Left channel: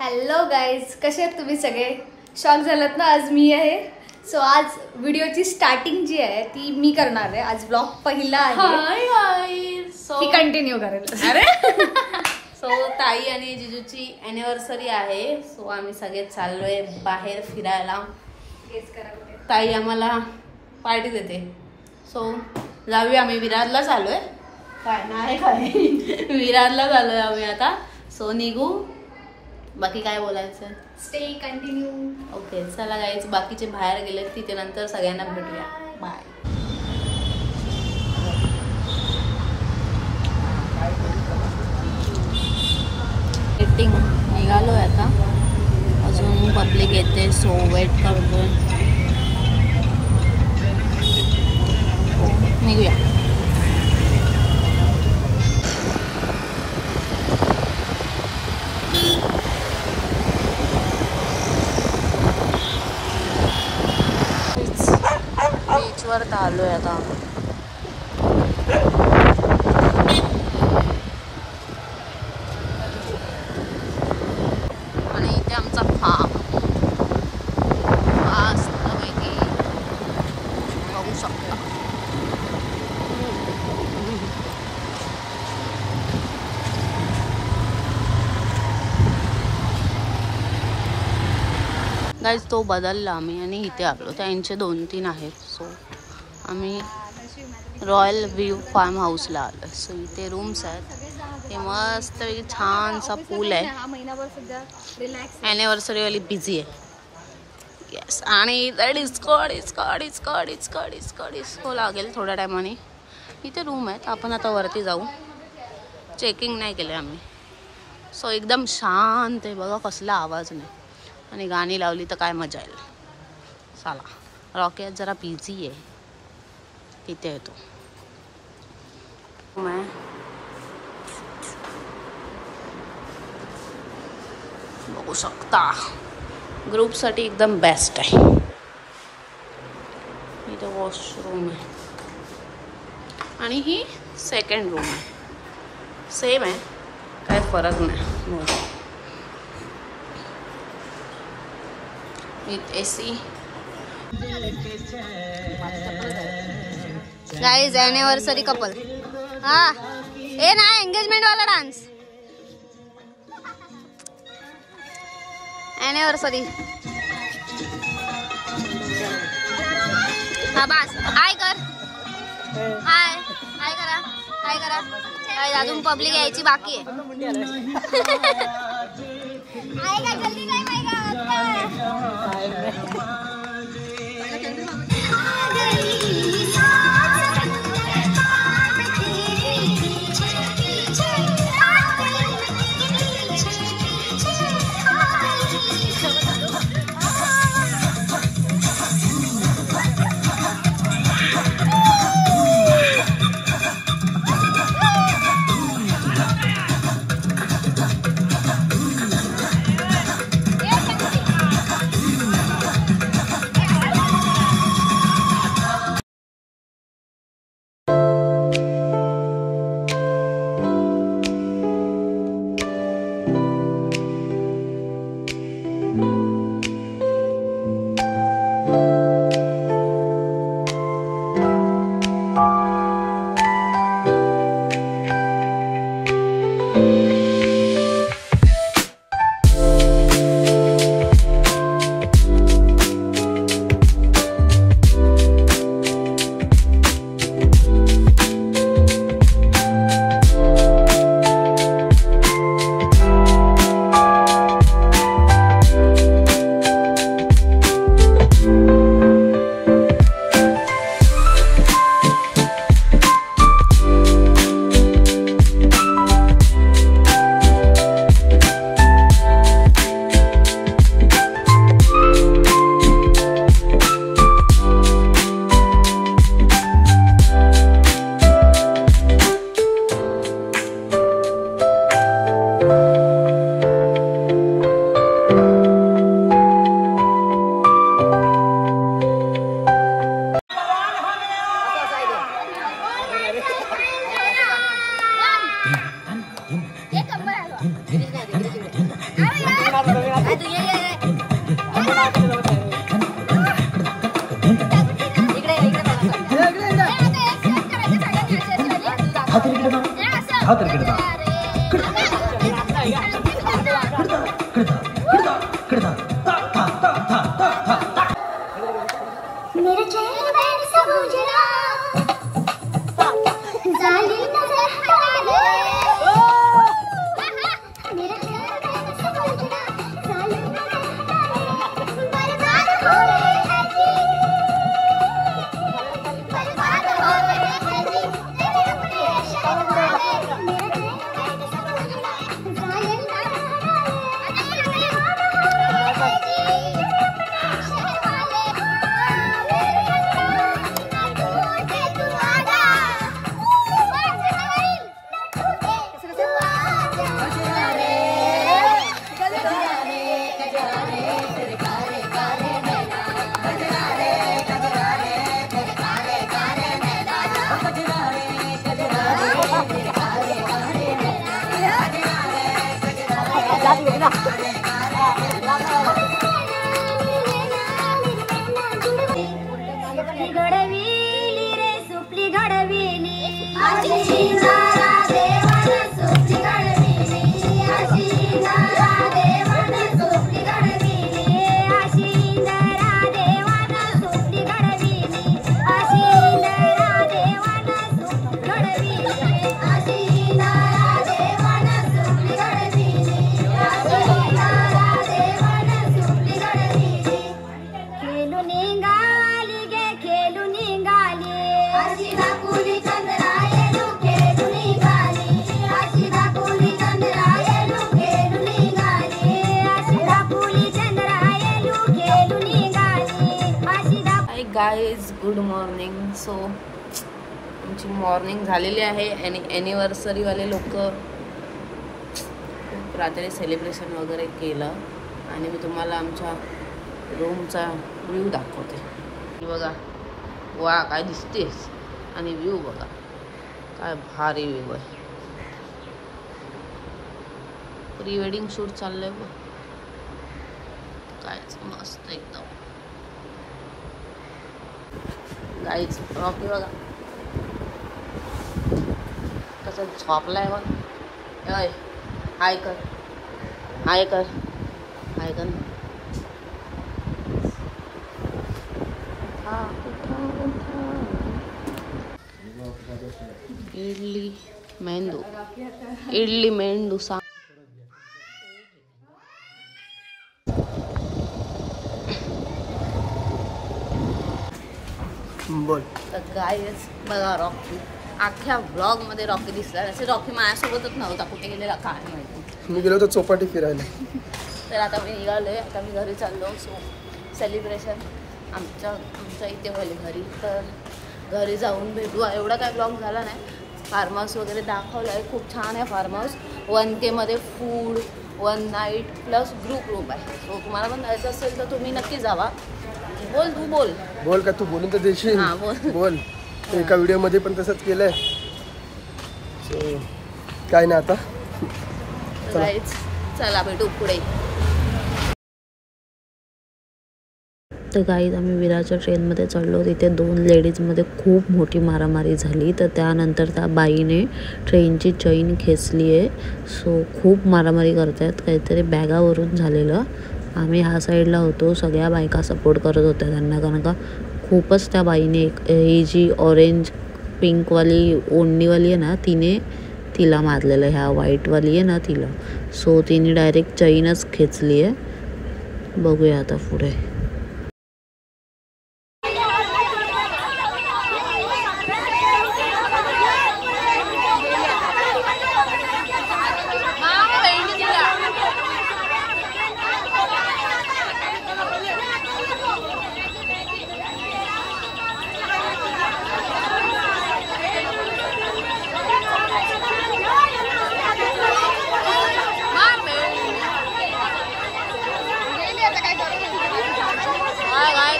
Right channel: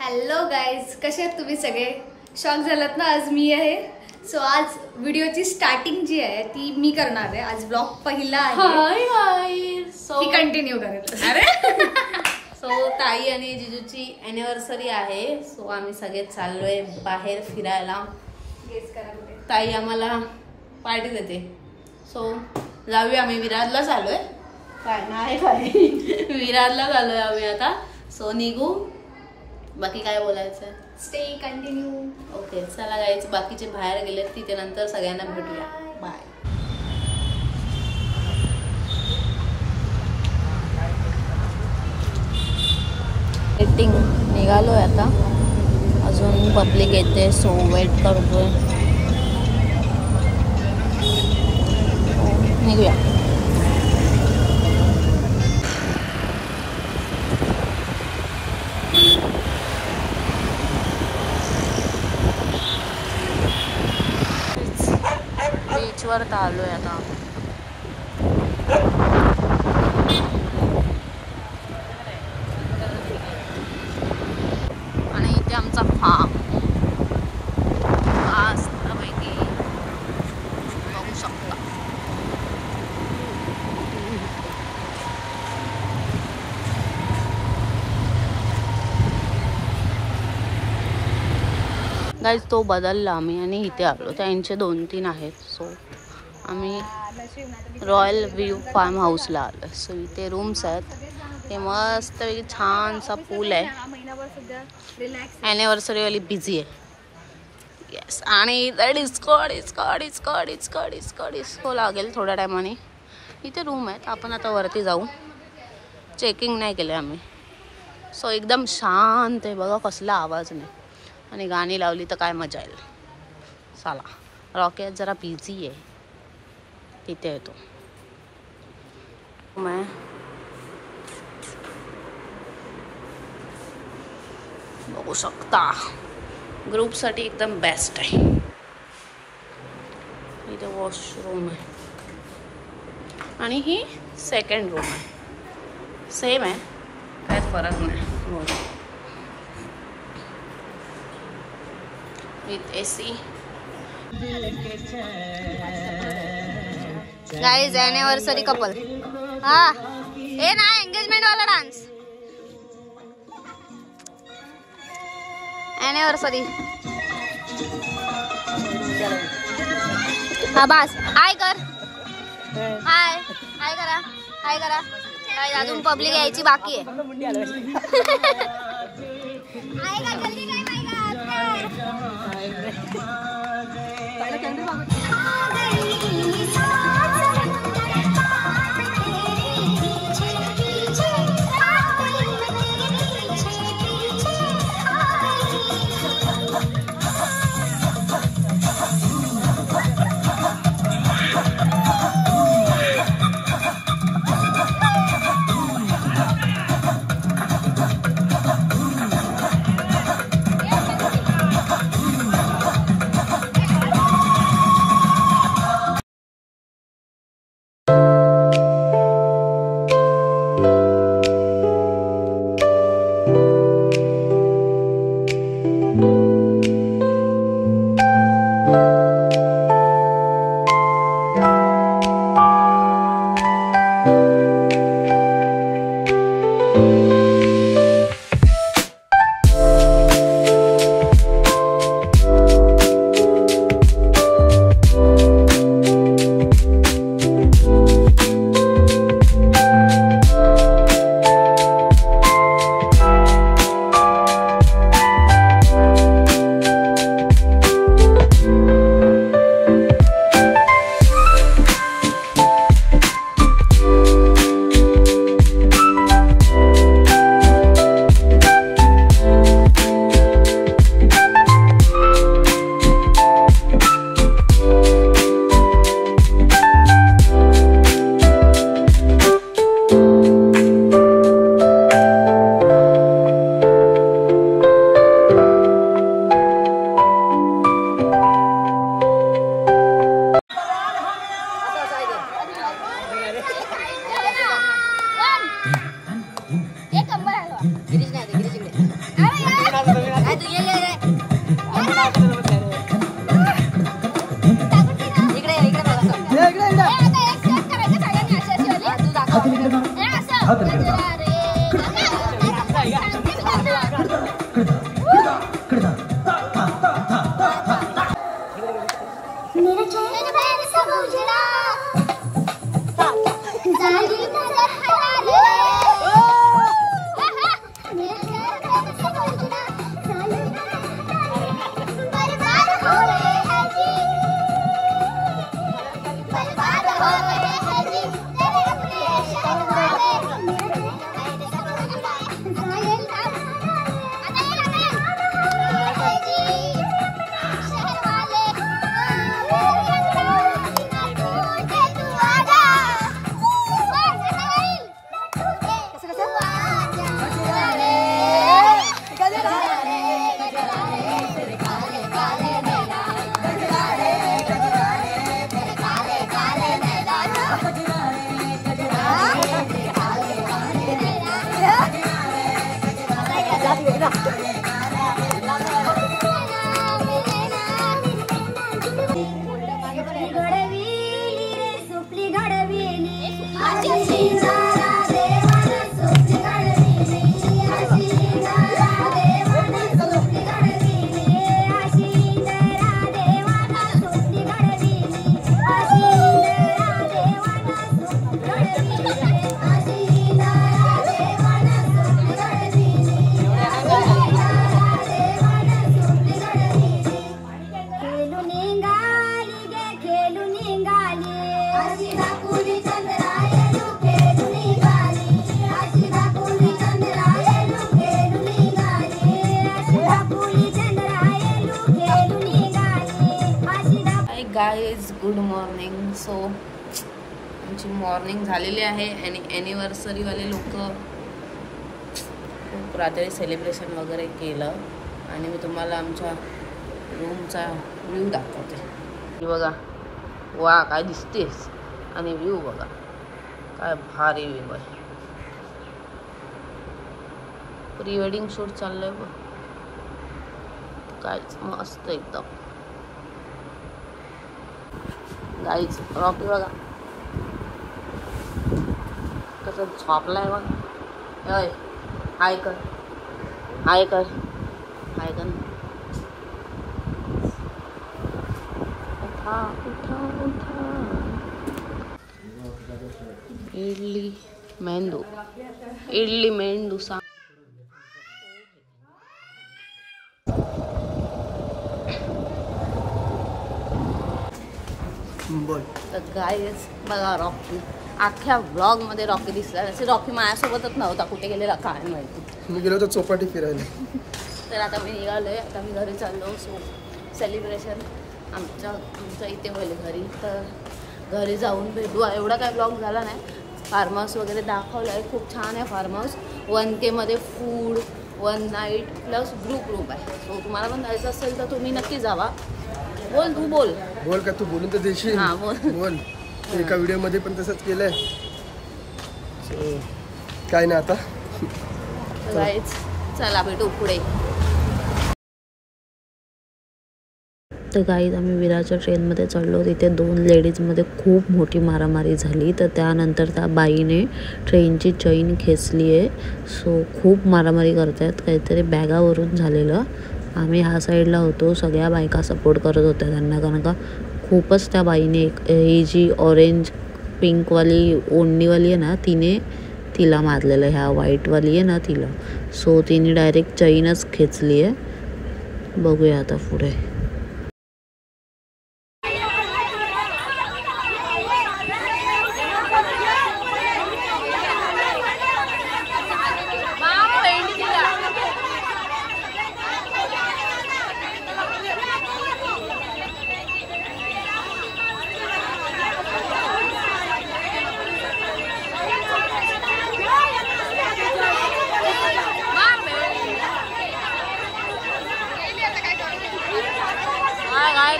Hello guys, कसे आहेत तुम्ही सगळे? शॉक झालात ना? आज मी आहे. सो आज व्हिडिओची स्टार्टिंग जी आहे ती मी करणार आहे. आज ब्लॉग पहिला आहे. ती कंटिन्यू करायचं. अरे सो ताई आणि जिजूची अॅनिव्हर्सरी आहे. सो आम्ही सगळे चाललोय बाहेर फिरायला. ताई आम्हाला पार्टी देते. सो जाऊया. आम्ही विरारला चाललोय. काय नाही काय विरारला चाललोय आम्ही आता. सो निघू. बाकी काय बोलायचं? Stay continue. ओके चला गाईज, बाकीचे बाहेर गेले तिथे नंतर सगळ्यांना भेटूया. बाय. वेटिंग निघालोय आता. अजून पब्लिक येते सो वेट करतोय. हो निघूया. बीचवर आलोय आता. आणि इथे आमचा फार्म मस्तपैकी बघू शकता. गाईज तो बदलला आम्ही आणि इथे आलो. त्यांचे 2-3 आहेत. सो आम्ही रॉयल व्ह्यू फार्म हाऊसला आलो. सो इथे रूम्स आहेत. हे मस्त छानसा पूल आहे. ॲनिव्हर्सरी वाली बिझी आहे. येस. आणि डिस्को लागेल थोड्या टायमाने. इथे रूम आहेत. आपण आता वरती जाऊ. चेकिंग नाही केलं आम्ही. सो एकदम शांत आहे. बघा कसला आवाज नाही. आणि गाणी लावली तर काय मजा येईल. चला. रॉकेट जरा बिझी आहे. इथे येतो मैं. बघू शकता. ग्रुपसाठी एकदम बेस्ट आहे. इथे वॉशरूम आहे. आणि ही सेकंड रूम आहे. सेम आहे, काय फरक नाही. With AC. Guys anniversary couple. हाँ ए ना एंगेजमेंट वाला डांस. एनिवर्सरी. हाँ बस हाय कर. हाय हाय करा. हाय करा. अजून पब्लिक यायची बाकी आहे. Guys good morning. सो आमची मॉर्निंग झालेली आहे आणि ॲनिव्हर्सरीवाले लोक खूप रात्री सेलिब्रेशन वगैरे केलं आणि मी तुम्हाला आमच्या रूमचा व्ह्यू दाखवते. बघा वा काय दिसतेस आणि व्ह्यू बघा काय भारी व्ह्यू आहे. प्री वेडिंग शूट चाललंय बघ काय मस्त एकदम. गाईच रॉकी बघा कसं झोपलाय बघा. हाय कर हाय कर हाय कर. इडली मेंदू इडली मेंदू सांग. बोल. तर गाईज बघा रॉकी अख्ख्या व्लॉग मध्ये रॉकी दिसला. असं रॉकी माझ्यासोबतच नव्हता. कुठे गेलेला काय माहिती. मी गेलो होतो चौपाटी फिरायला. तर आता मी निघालोय. आता मी घरी चाललो. सो सेलिब्रेशन आमच्या इथे होईल घरी. तर घरी जाऊन भेटू. एवढा काय ब्लॉग झाला नाही. फार्म हाऊस वगैरे दाखवलं आहे. खूप छान आहे फार्म हाऊस. 1K मध्ये food 1 night plus group room आहे. तो तुम्हाला पण जायचं असेल तर तुम्ही नक्की जावा. बोल तू बोल बोल का तू बोलून तर देशील. हां बोल बोल. एका व्हिडिओमध्ये पण तसंच केलंय. सो काय नाही आता चला भेटू पुढे. तर गाईज आम्ही विरारच्या ट्रेनमध्ये चढलो. तिथे 2 लेडीजमध्ये खूप मोठी मारामारी झाली. तर त्यानंतर त्या बाईने ट्रेनची चैन खेचली आहे. सो खूप मारामारी करत आहेत. काहीतरी बॅगावरून झालेलं. आम्ही ह्या साईडला होतो. सगळ्या बायका सपोर्ट करत होत्या त्यांना. कारण का खूपच त्या बाईने ही जी ऑरेंज पिंकवाली ओढणीवाली आहे ना तिने तिला मारलेलं. ह्या व्हाईटवाली आहे ना तिला. सो तिने डायरेक्ट चैनच खेचली आहे. बघूया आता पुढे.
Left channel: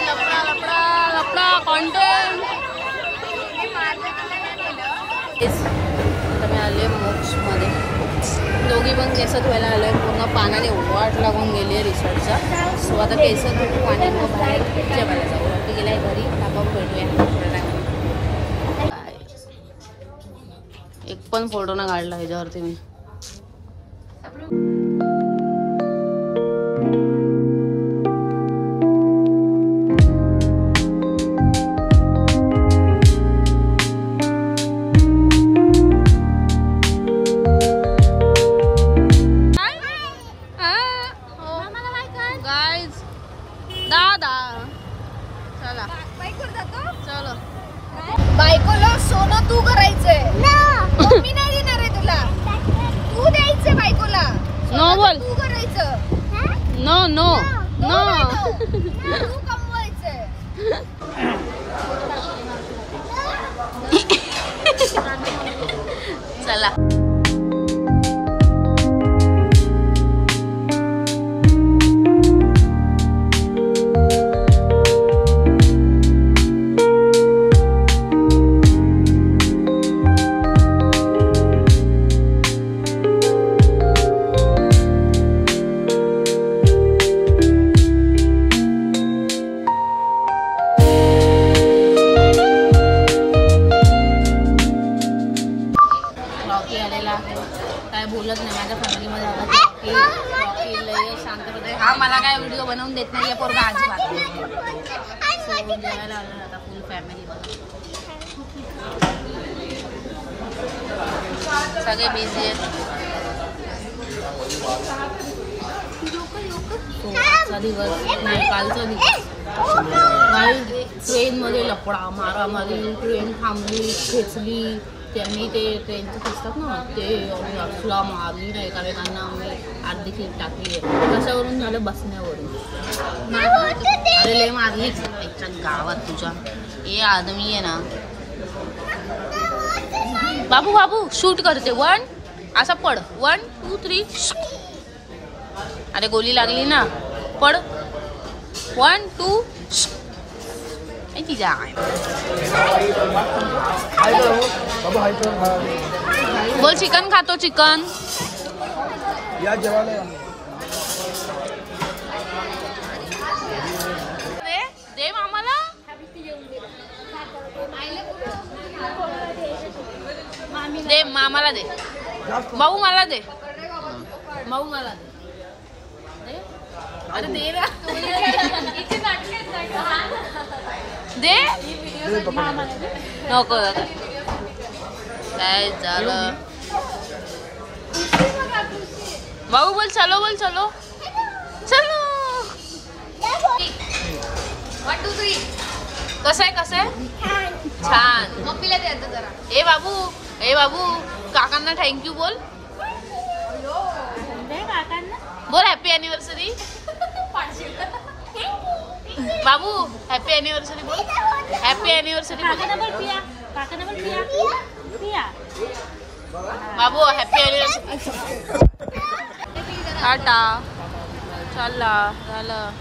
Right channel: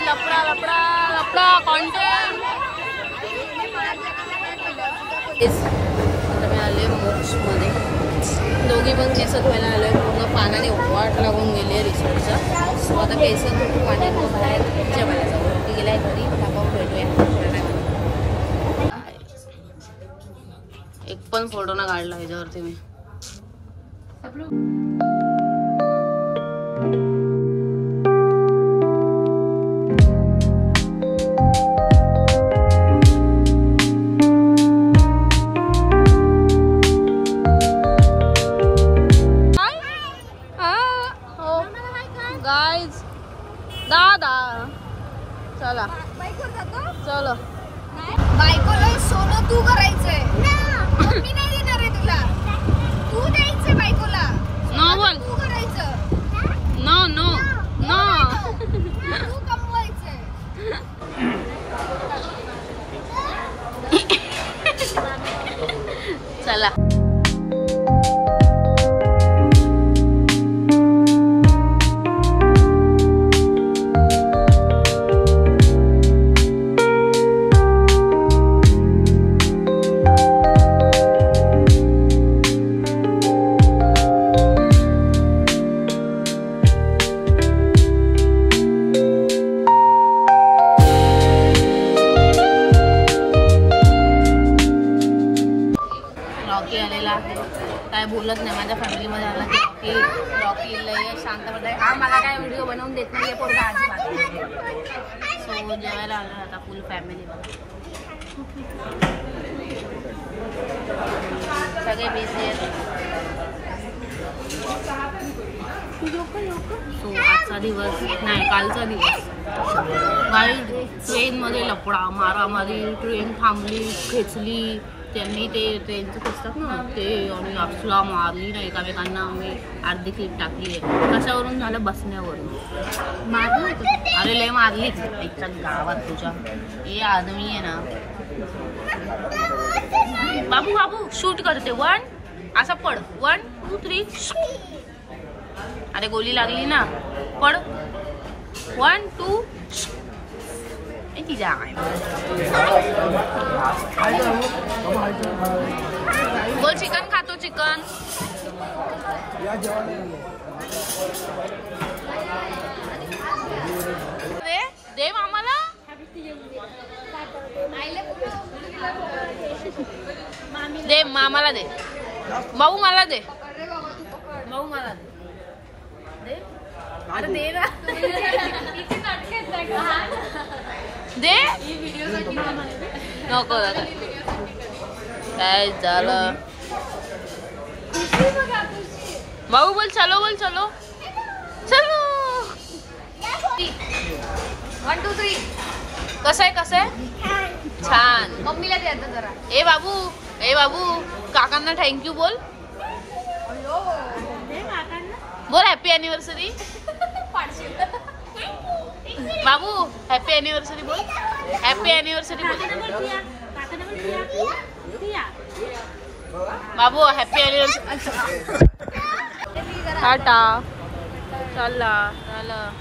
लपडा लपडा लपडा कॉन्टेंट. आता मी आले मोक्षमध्ये. दोघी पण केस धुवायला आलोय. पूर्ण पानाने वाट लागून गेली आहे रिसॉर्टचा. सो आता केस धुवू आणि मग बाहेर जेवायला जाऊ. रॉकी गेलाय घरी. आपण भेटूया थोड्या टायमाने. एक एक पण फोटो ना काढला ह्याच्यावरती मी. गाईज दादा चला बाईकवर जातो. चलो. बायकोला सोनं तू करायचंय. मी नाही देणार आहे तुला. तू द्यायचंय बायकोला. नो बोल. तू करायचं. No no no. तू कमवायचंय. चला. रॉकी आलेला आहे. काय बोलत नाही. माझ्या फॅमिलीमध्ये आला की रॉकी लय शांतपणे. हा मला काय व्हिडिओ बनवून देत नाही आहे पोरगा अजिबात. सो जेवायला आलो आता फुल फॅमिली बघा. सगळे बिझी आहेत. तो आजचा दिवस नाही कालचा दिवस. काही ट्रेनमध्ये लफडा मारामारी. ट्रेन थांबली खेचली त्यांनी. ते ट्रेनचं असतात ना ते आणि असला मारली ना एकामेकांना. आम्ही अर्धी सीट टाकली आहे. कशावरून झालं बसण्यावरून मारली. अरे लय मारलीच त्याच्या गावात तुझ्या. हे आदमी आहे ना. बाबू बाबू शूट करते. 1 असा पड. 1 2 3. अरे गोली लागली ना. पड. 1 2. तिच्या बोल चिकन खातो चिकन. दे मामाला. दे मामाला दे. भाऊ मला दे. भाऊ मला दे. दे. अरे दे ना. दे नको दादा. काय झालं. भाऊ बोल चलो. बोल चलो चलो. 1 2 3. कसं आहे छान. मम्मीला दे आता जरा. ए बाबू काकांना थँक्यू बोल. बोल हॅपी अॅनिव्हर्सरी. बाबू हॅपी अॅनिव्हर्सरी बोल. हॅपी अॅनिव्हर्सरी बोल. बाबू हॅपी अॅनिव्हर्सरी. टाटा. चालला झालं.